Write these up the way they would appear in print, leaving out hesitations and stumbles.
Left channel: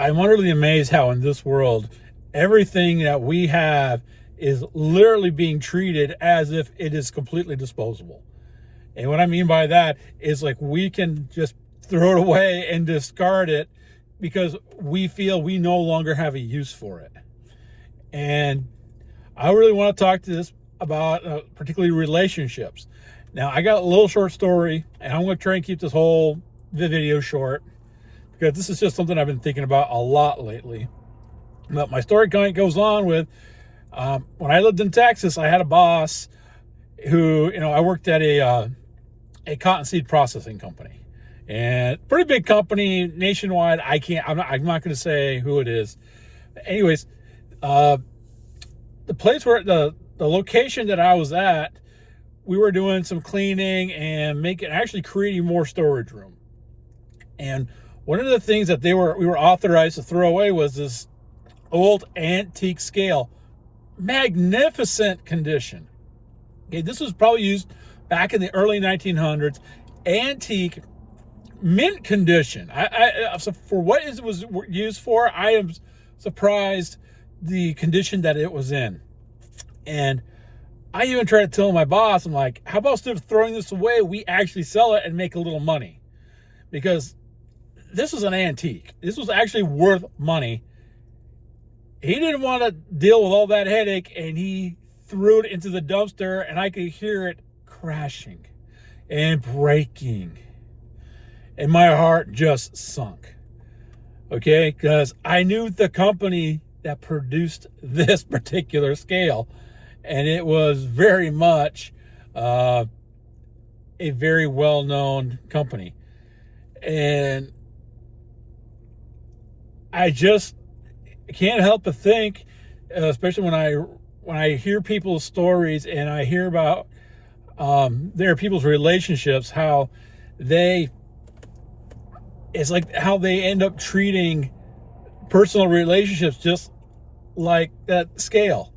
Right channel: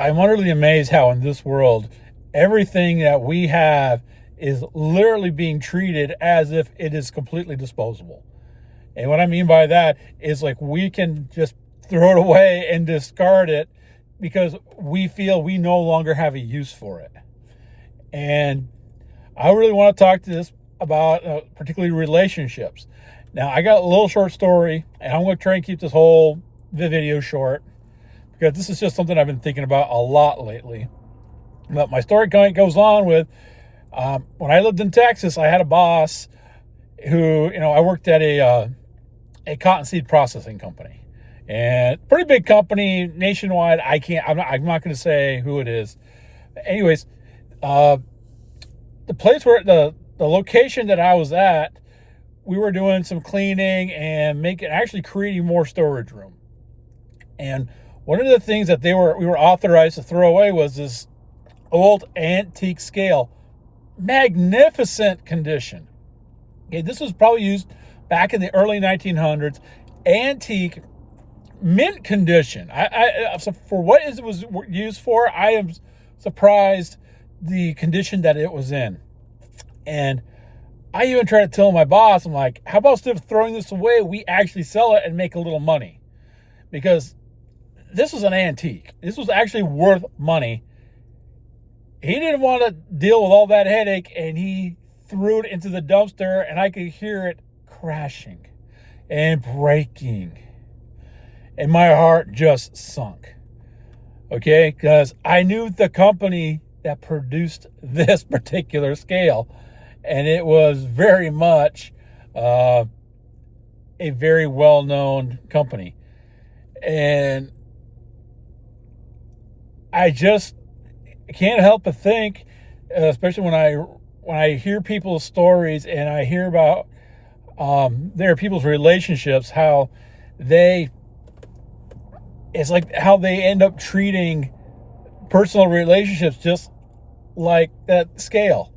I'm utterly amazed how in this world, everything that we have is literally being treated as if it is completely disposable. And what I mean by that is like we can just throw it away and discard it because we feel we no longer have a use for it. And I really want to talk to this about particularly relationships. Now, I got a little short story, and I'm going to try and keep this whole video short because this is just something I've been thinking about a lot lately. But my story kind of goes on with when I lived in Texas, I had a boss who, I worked at a cottonseed processing company, and pretty big company nationwide. I'm not going to say who it is. Anyways, the place where the location that I was at, we were doing some cleaning and actually creating more storage room. And one of the things that we were authorized to throw away was this old antique scale, magnificent condition. Okay, this was probably used back in the early 1900s, antique, mint condition. So for what it was used for, I am surprised the condition that it was in. And I even tried to tell my boss, I'm like, how about instead of throwing this away, we actually sell it and make a little money? Because this was an antique. This was actually worth money. He didn't want to deal with all that headache, and he threw it into the dumpster, and I could hear it crashing and breaking. And my heart just sunk. Okay? Because I knew the company that produced this particular scale, and it was very much a very well-known company. And I just can't help but think, especially when I hear people's stories and I hear about their people's relationships, it's like how they end up treating personal relationships just like that scale.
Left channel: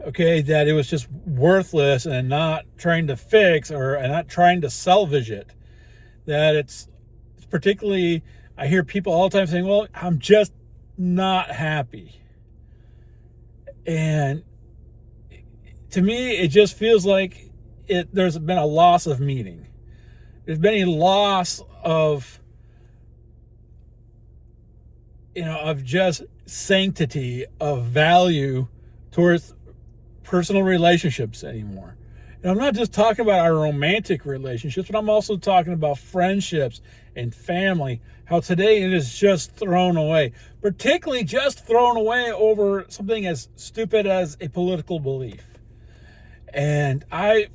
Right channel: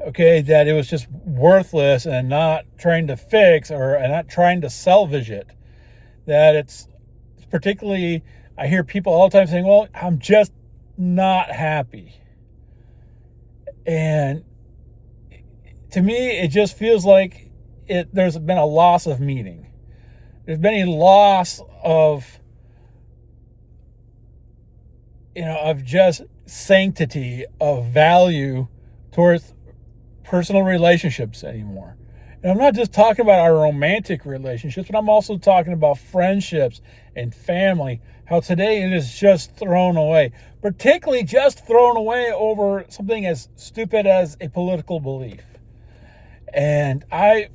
Okay, that it was just worthless and not trying to fix and not trying to salvage it. That it's particularly, I hear people all the time saying, well, I'm just not happy. And to me, it just feels like there's been a loss of meaning. There's been a loss of, of just sanctity, of value towards personal relationships anymore. And I'm not just talking about our romantic relationships, but I'm also talking about friendships and family. How today it is just thrown away, particularly just thrown away over something as stupid as a political belief. And I've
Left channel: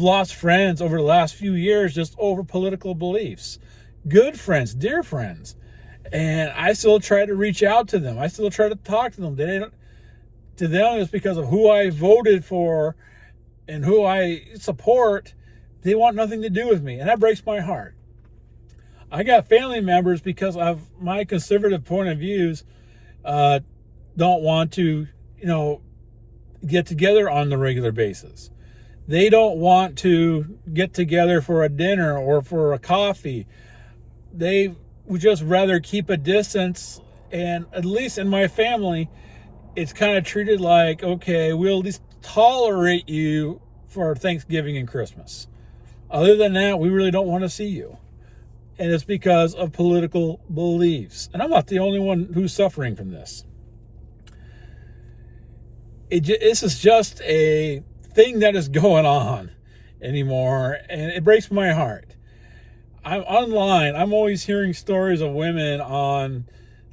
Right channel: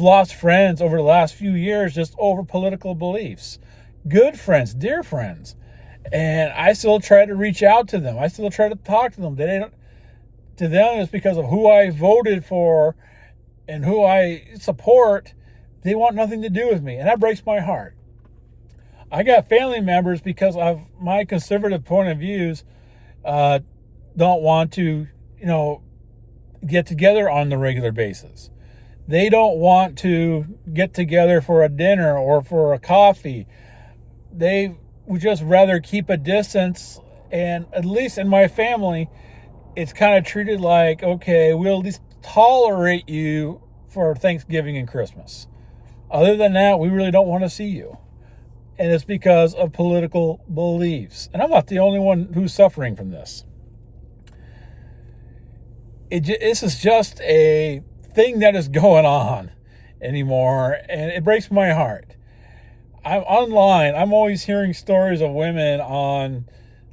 lost friends over the last few years just over political beliefs. Good friends, dear friends. And I still try to reach out to them. I still try to talk to them. To them, it's because of who I voted for and who I support. They want nothing to do with me, and that breaks my heart. I got family members, because of my conservative point of views, don't want to, get together on the regular basis. They don't want to get together for a dinner or for a coffee. They would just rather keep a distance. And at least in my family, it's kind of treated like, okay, we'll at least tolerate you for Thanksgiving and Christmas. Other than that, we really don't want to see you. And it's because of political beliefs. And I'm not the only one who's suffering from this. This is just a thing that is going on anymore, and it breaks my heart. I'm online. I'm always hearing stories of women on,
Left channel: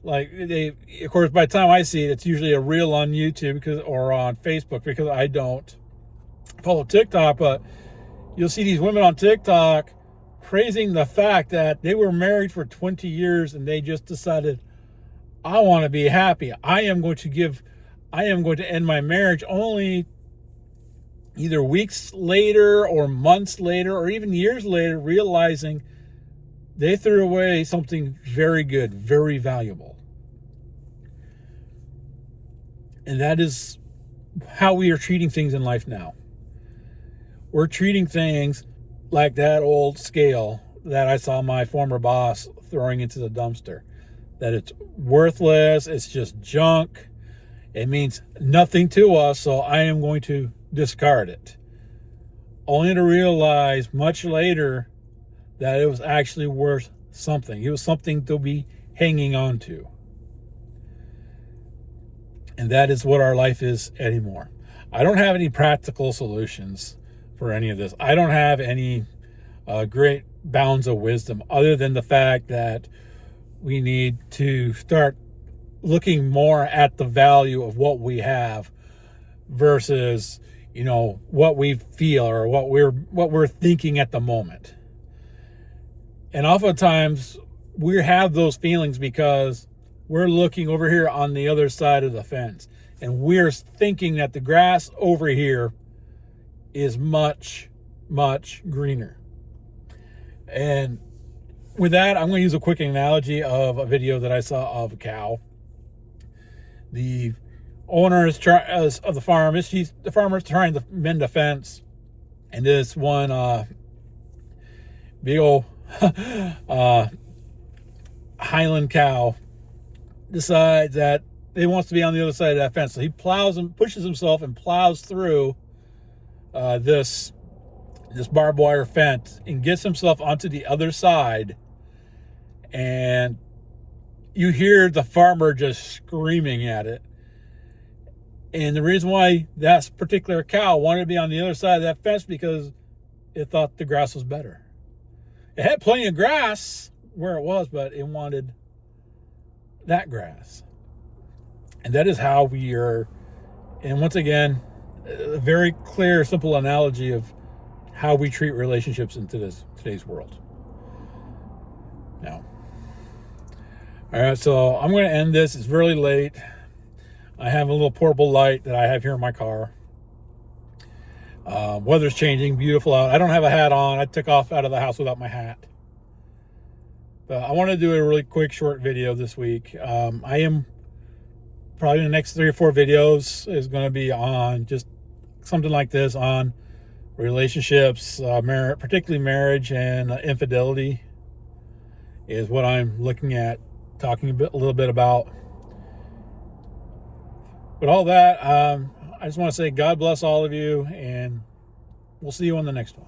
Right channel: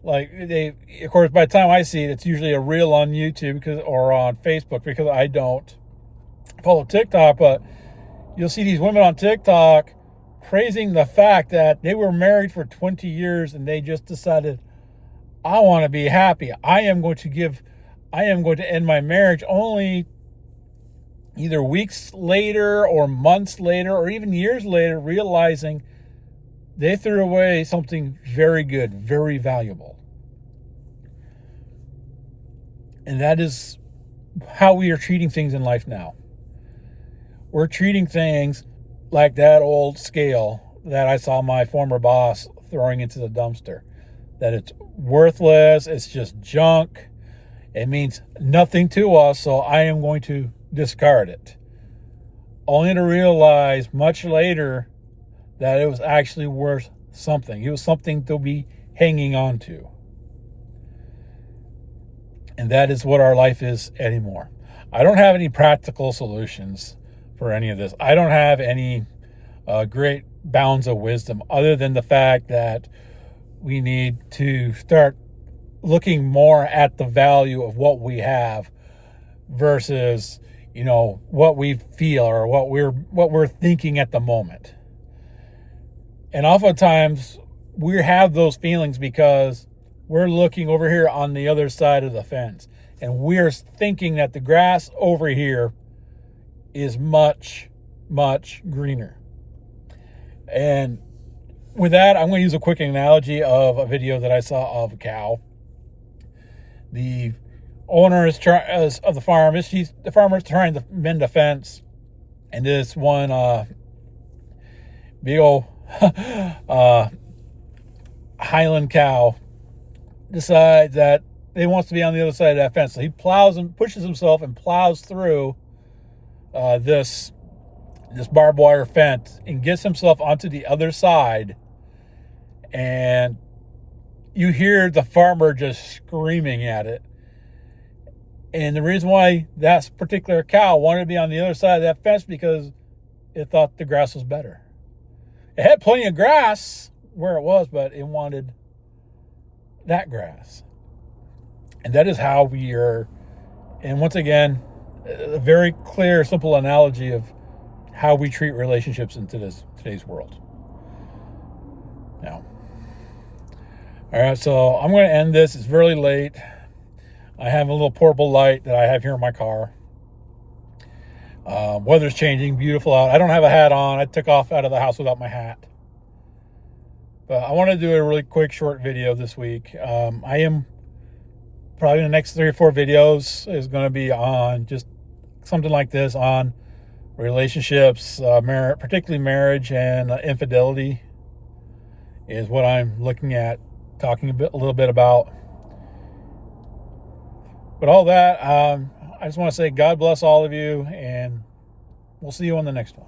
of course, by the time I see it, it's usually a reel on YouTube or on Facebook, because I don't follow TikTok. But you'll see these women on TikTok praising the fact that they were married for 20 years and they just decided, I want to be happy. I am going to end my marriage, only either weeks later or months later or even years later, realizing they threw away something very good, very valuable. And that is how we are treating things in life now. We're treating things like that old scale that I saw my former boss throwing into the dumpster. that it's worthless, it's just junk, it means nothing to us, so I am going to discard it. Only to realize much later that it was actually worth something. It was something to be hanging on to. And that is what our life is anymore. I don't have any practical solutions for any of this. I don't have any great bounds of wisdom other than the fact that we need to start looking more at the value of what we have versus, what we feel or what we're thinking at the moment. And oftentimes we have those feelings because we're looking over here on the other side of the fence and we're thinking that the grass over here is much, much greener. And with that, I'm going to use a quick analogy of a video that I saw of a cow. The owner of the farm the farmer's trying to mend a fence, and this one big old Highland cow decides that he wants to be on the other side of that fence. So he plows and pushes himself and plows through this barbed wire fence and gets himself onto the other side. And you hear the farmer just screaming at it. And the reason why that particular cow wanted to be on the other side of that fence because it thought the grass was better. It had plenty of grass where it was, but it wanted that grass. And that is how we are. And once again, a very clear, simple analogy of how we treat relationships in today's world. Now, all right, so I'm going to end this. It's really late. I have a little portable light that I have here in my car. Weather's changing, beautiful out. I don't have a hat on. I took off out of the house without my hat. But I want to do a really quick, short video this week. I am probably the next 3 or 4 videos is going to be on just something like this on relationships, particularly marriage and infidelity is what I'm looking at, talking a little bit about. But all that, I just want to say God bless all of you, and we'll see you on the next one.